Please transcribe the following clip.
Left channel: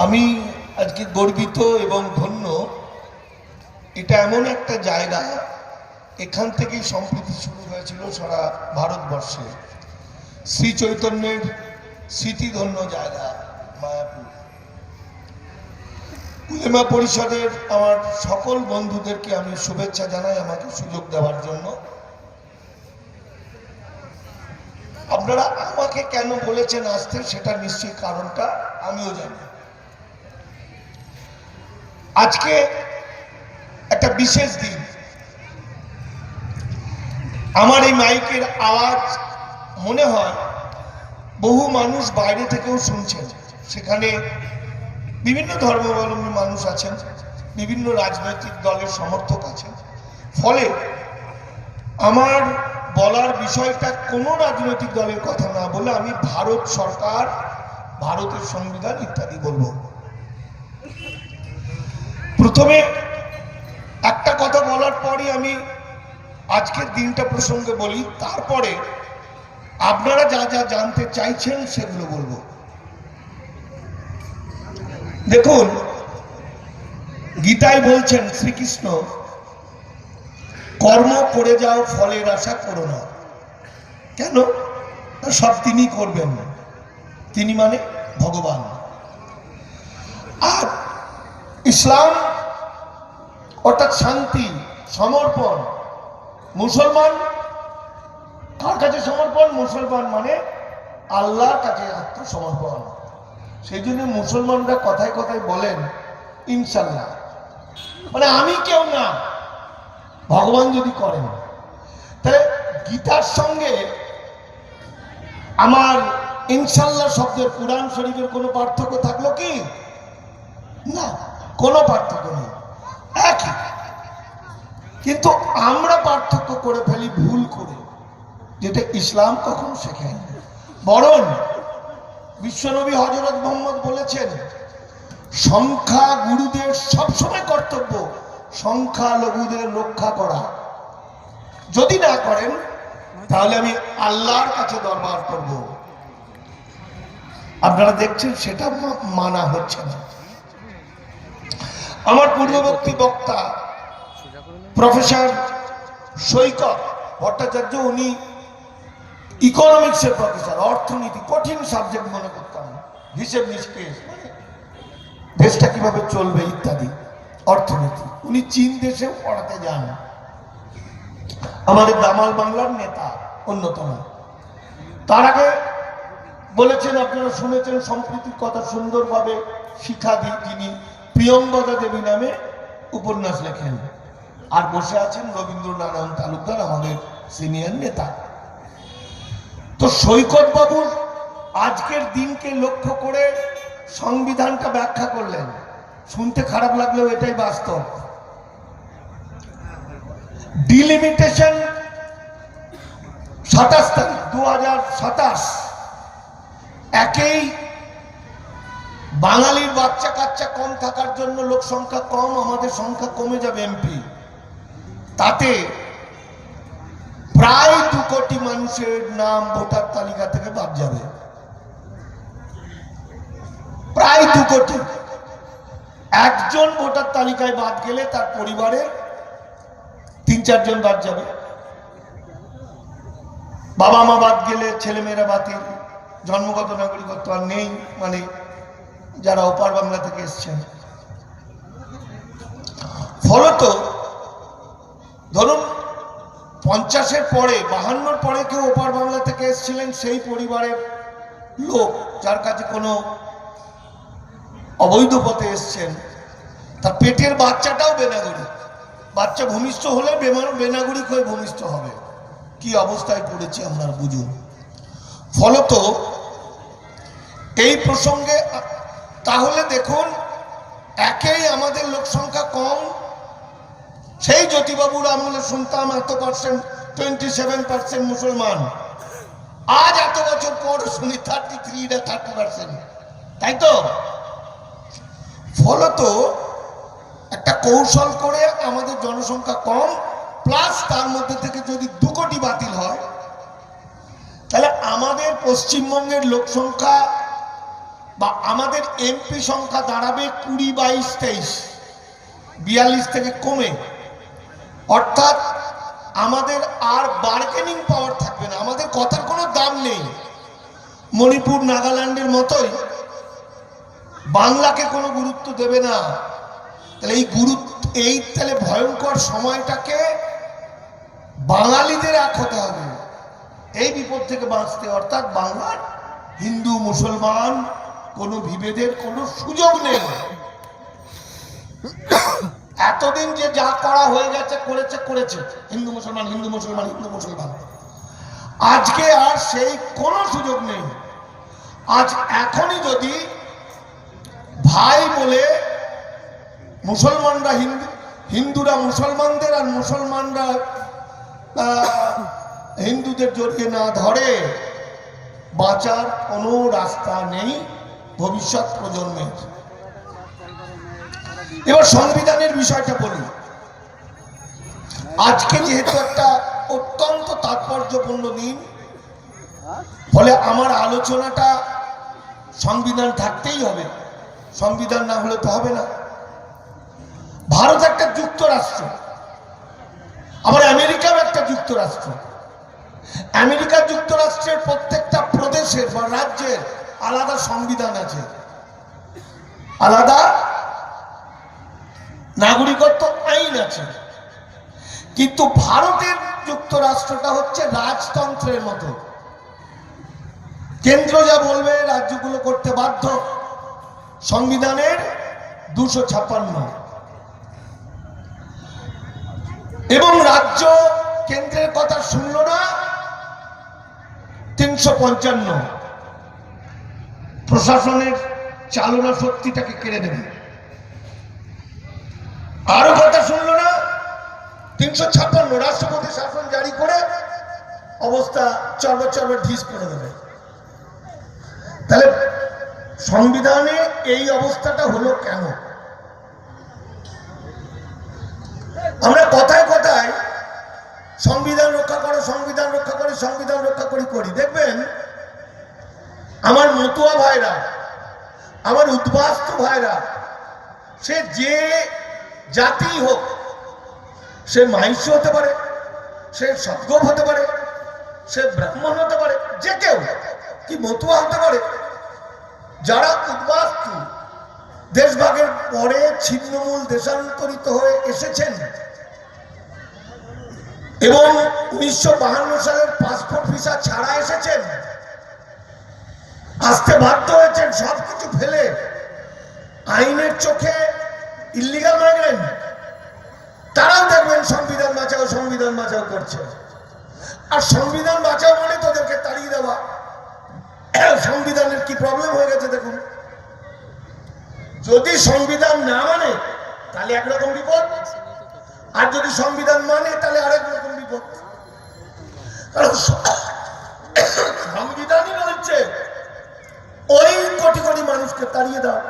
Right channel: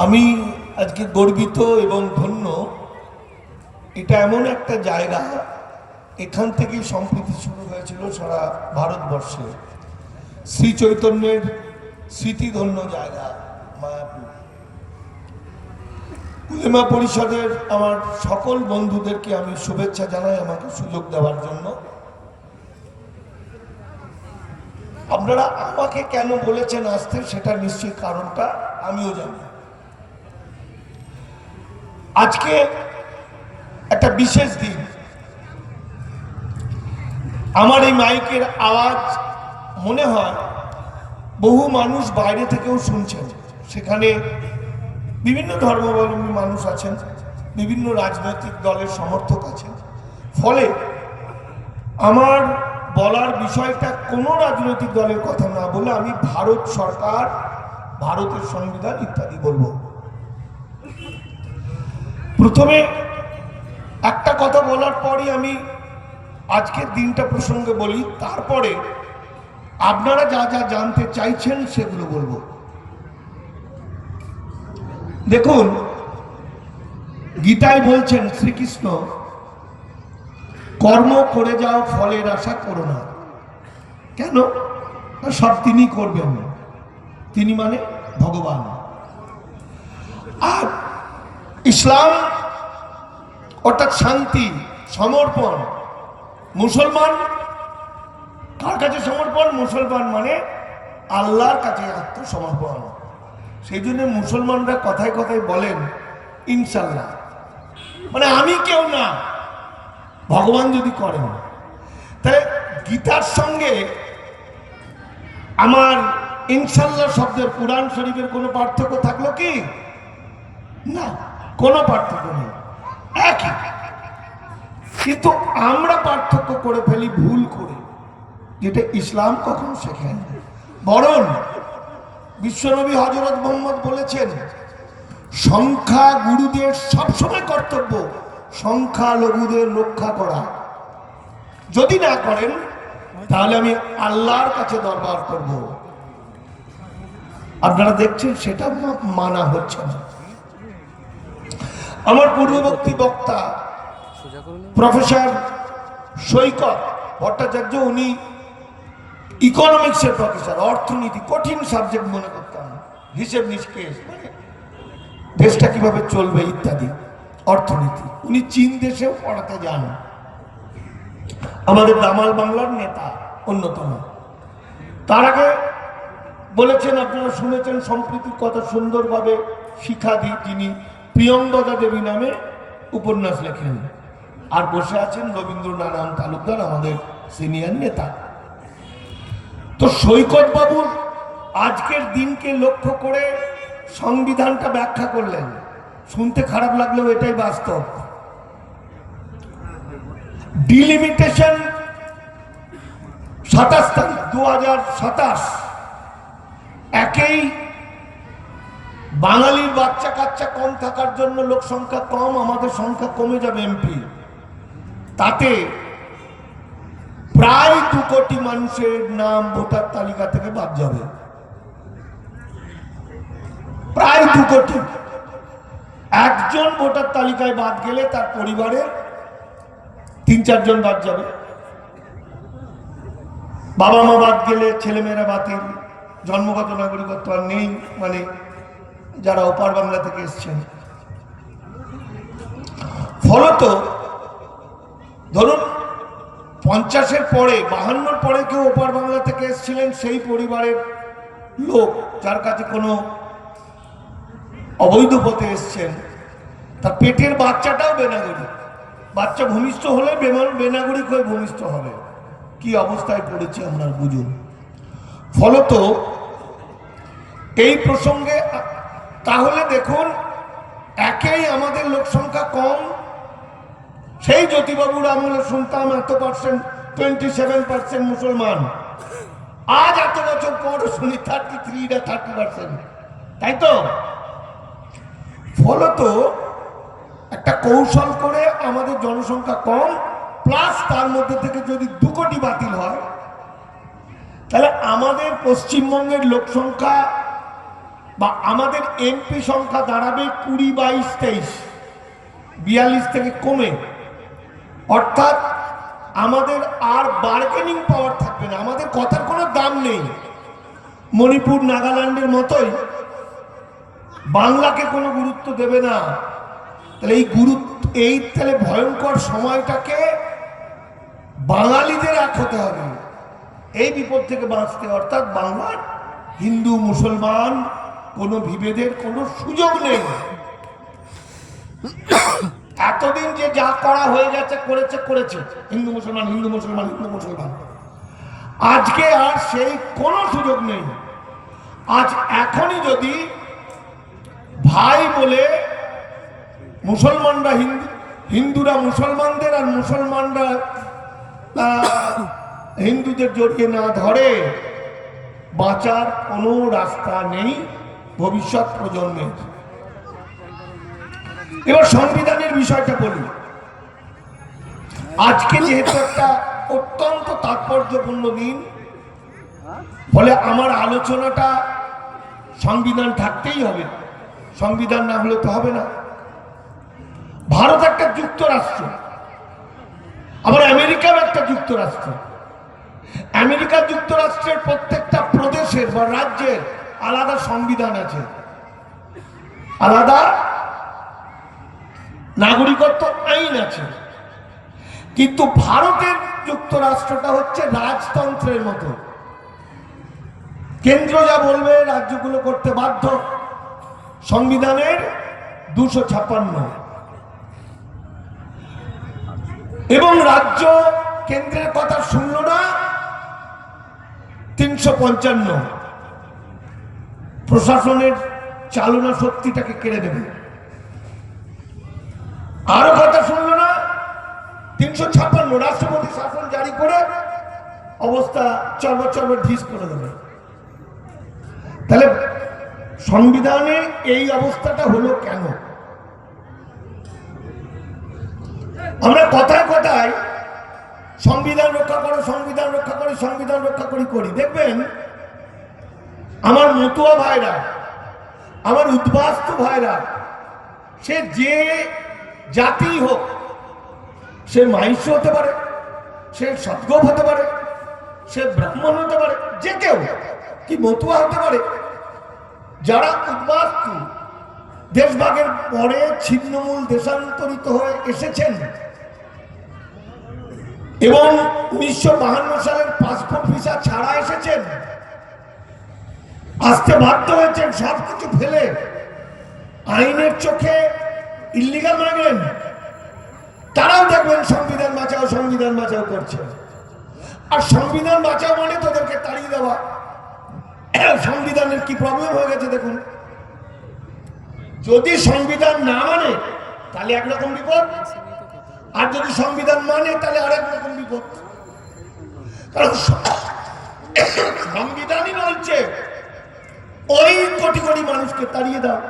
আমি আজকে গর্বিত এবং ধন্য। এটা এমন একটা জায়গা, এখান থেকেই সম্প্রীতি শুরু হয়েছিল সারা ভারতবর্ষে। শ্রী চৈতন্যের স্মৃতিধন্য জায়গা, মায়াপুর। উলেমা পরিষদের আমার সকল বন্ধুদেরকে আমি শুভেচ্ছা জানাই আমাকে সুযোগ দেওয়ার জন্য। আপনারা আমাকে কেন বলেছেন আসতে সেটা নিশ্চয়ই কারণটা আমিও জানি। আজকে একটা বিশেষ দিন। আমার এই মাইকের আওয়াজ মনে হয় বহু মানুষ বাইরে থেকেও শুনছেন। সেখানে বিভিন্ন ধর্মাবলম্বী মানুষ আছেন, বিভিন্ন রাজনৈতিক দলের সমর্থক আছেন। ফলে আমার বলার বিষয়টা কোনো রাজনৈতিক দলের কথা না বলে আমি ভারত সরকার, ভারতের সংবিধান ইত্যাদি বলব। প্রথমে একটা কথা বলার পরই আমি আজকের দিনটা প্রসঙ্গে বলি, তারপরে আপনারা যা যা জানতে চাইছেন সেগুলো বলব। দেখুন, গীতায় বলছেন শ্রীকৃষ্ণ, কর্ম করে যাও, ফলের আশা করো না। কেন? সব তিনি করবেন। তিনি মানে ভগবান। আর ইসলাম অর্থাৎ শান্তি, সমর্পণ। মুসলমান, কার কাছে সমর্পণ? মুসলমান মানে আল্লাহর কাছে আত্মসমর্পণ সেই জন্য মুসলমানরা কথায় কথায় বলেন, ইনশাল্লাহ। মানে আমি কেউ না, ভগবান যদি করেন। তাহলে গীতার সঙ্গে আমার ইনশাল্লাহ শব্দের কোরআন শরীফের কোনো পার্থক্য থাকল কি? না, কোনো পার্থক্য নেই। একই। কিন্তু আমরা পার্থক্য করে ফেলি, ভুল করে, যেটা ইসলাম কখনো শেখেন। বরং বিশ্বনবী হজরত মোহাম্মদ বলেছেন, সংখ্যা গুরুদের সবসময় কর্তব্য সংখ্যা লঘুদের রক্ষা করা। যদি না করেন, তাহলে আমি আল্লাহর কাছে দরবার করব। আপনারা দেখছেন, সেটা মানা হচ্ছে না। আমার পূর্ববর্তী বক্তা, প্রফেসর সৈকত ভট্টাচার্য, উনি ইকোনমিক্সের প্রফেসর অর্থনীতি, কঠিন সাবজেক্ট মনে করতাম, হিসেব নিষ্কেষ মানে দেশটা কীভাবে চলবে ইত্যাদি, অর্থনীতি। উনি চীন দেশে পড়াতে যান। আমাদের দামাল বাংলার নেতা অন্যতম। তার আগে বলেছেন, আপনারা শুনেছেন সম্প্রীতির কথা সুন্দরভাবে শিক্ষা দি যিনি প্রিয়ঙ্গদা দেবী নামে উপন্যাস লেখেন। আর বসে আছেন রবীন্দ্রনারায়ণ তালুকদার, আমাদের সিনিয়র নেতা। তো সৈকত বাবুর আজকের দিনকে লক্ষ্য করে সংবিধানটা ব্যাখ্যা করলেন। শুনতে খারাপ লাগলেও এটাই বাস্তব। ডিলিমিটেশন সাতাশ তারিখ দু হাজার সাতাশ। একেই বাঙালির বাচ্চা কাচ্চা কম থাকার জন্য লোক সংখ্যা কম, আমাদের সংখ্যা কমে যাবে এমপি তাতে প্রায় দু কোটি মানুষের নাম ভোটার তালিকা থেকে বাদ যাবে। প্রায় দু কোটি। একজন ভোটার তালিকায় বাদ গেলে তার পরিবারে তিন চারজন বাদ যাবে। বাবা মা বাদ গেলে ছেলেমেয়েরা বাতিল। জন্মগত নাগরিকত্ব আর নেই মানে যারা ওপার বাংলা থেকে এসছেন। ফলত ধরুন, পঞ্চাশের পরে, বাহান্নর পরে কেউ ওপার বাংলা থেকে এসেছিলেন, সেই পরিবারের লোক যার কাছে কোনো অবৈধ পথে এসছেন। তার পেটের বাচ্চাটাও বেনাগরিক। বাচ্চা ভূমিষ্ঠ হলে বেমা- বেনাগরিক হয়ে ভূমিষ্ঠ হবে। কি অবস্থায় পড়েছি আমরা বুঝুন। ফলত এই প্রসঙ্গে তাহলে দেখুন, একেই আমাদের লোক সংখ্যা কম। সেই জ্যোতিবাবুর আমলে শুনতাম এত পার্সেন্ট টোয়েন্টি সেভেন পার্সেন্ট মুসলমান। আজ এত বছর পর শুনি থার্টি থ্রি না থার্টি পার্সেন্ট তাই তো? ফলত একটা কৌশল করে আমাদের জনসংখ্যা কম প্লাস তার মধ্যে থেকে যদি দু কোটি বাতিল হয়, তাহলে আমাদের পশ্চিমবঙ্গের লোক সংখ্যা বা আমাদের এমপি সংখ্যা দাঁড়াবে কুড়ি, বাইশ, তেইশ, বিয়াল্লিশ থেকে কমে। অর্থাৎ আমাদের আর বার্গেনিং পাওয়ার থাকবে না। আমাদের কথার কোনো দাম নেই। মণিপুর নাগাল্যান্ডের মতোই বাংলাকে কোনো গুরুত্ব দেবে না। তাহলে এই গুরুত্ব, এই তাহলে ভয়ঙ্কর সময়টাকে বাঙালিদের এক হতে হবে। এই বিপদ থেকে বাঁচতে, অর্থাৎ বাংলার হিন্দু, মুসলমান কোনো বিভেদের কোনো সুযোগ নেই। এতদিন যে যা করা হয়ে গেছে, করেছে করেছে। হিন্দু, মুসলমান হিন্দু মুসলমান হিন্দু, মুসলমান। আজকে আর সেই কোনো সুযোগ নেই। আজ এখনই যদি ভাই বলে, মুসলমানরা হিন্দু, হিন্দুরা মুসলমানদের আর মুসলমানরা হিন্দুদের জড়িয়ে না ধরে, বাঁচার কোনো রাস্তা নেই। ভবিষ্যৎ প্রজন্মের। এবার সংবিধানের বিষয়টা বলি। আজকে যেহেতু একটা অত্যন্ত তাৎপর্যপূর্ণ দিন, ফলে আমার আলোচনাটা সংবিধান থাকতেই হবে। সংবিধান না হলে তো হবে না। ভারত একটা যুক্তরাষ্ট্র। আবার আমেরিকাও একটা যুক্তরাষ্ট্র। আমেরিকা যুক্তরাষ্ট্রের প্রত্যেকটা প্রদেশের বা রাজ্যের আলাদা সংবিধান আছে। আলাদা নাগরিকত্ব আইন আছে। কিন্তু ভারতের যুক্তরাষ্ট্রটা হচ্ছে রাজতন্ত্রের মতো। কেন্দ্র যা বলবে রাজ্যগুলো করতে বাধ্য। সংবিধানের দুশো ছাপ্পান্ন। এবং রাজ্য কেন্দ্রের কথা শুনল না, তিনশো পঞ্চান্ন। প্রশাসনের চালনা শক্তিটাকে কেড়ে দেবে আরও কথা শুনলো না? তিনশো ছাপ্পান্ন রাষ্ট্রপতি শাসন জারি করে অবস্থা চর্বর চর্বর ঢিস করে দেবে। তাহলে সংবিধানে এই অবস্থাটা হলো কেন? আমরা কথায় কথায় সংবিধান রক্ষা করো, সংবিধান রক্ষা করো, সংবিধান রক্ষা করি করি। দেখবেন আমার মতুয়া ভাইরা, আমার উদ্বাস্ত ভাইরা, সে যে জাতি হোক, সে মাহিষ্য হতে পারে, সে সদ্গোপ হতে পারে, সে ব্রাহ্মণ হতে পারে, যে কেউ কি মতুয়া হতে পারে, যারা উদ্বাস্তু, দেশভাগের পরে ছিন্নমূল দেশান্তরিত হয়ে এসেছেন, এবং উনিশশো সালের পাসপোর্ট ভিসা ছাড়া এসেছেন আসতে বাধ্য হয়েছেন, সবকিছু ফেলে। আইনের চোখে ইলিগাল মাইগ্রেন্ট তারাও দেখবেন সংবিধান বাঁচাও সংবিধান বাঁচাও করছে। আর সংবিধান বাঁচাও মানে তোদেরকে তাড়িয়ে দেওয়া। সংবিধানের কি প্রবলেম হয়ে গেছে দেখুন। যদি সংবিধান না মানে তাহলে একরকম বিপদ। আর যদি সংবিধান মানে তাহলে আরেক রকম বিপদ। কারণ সংবিধানই বলছে ওই কোটি কোটি মানুষকে তাড়িয়ে দাও।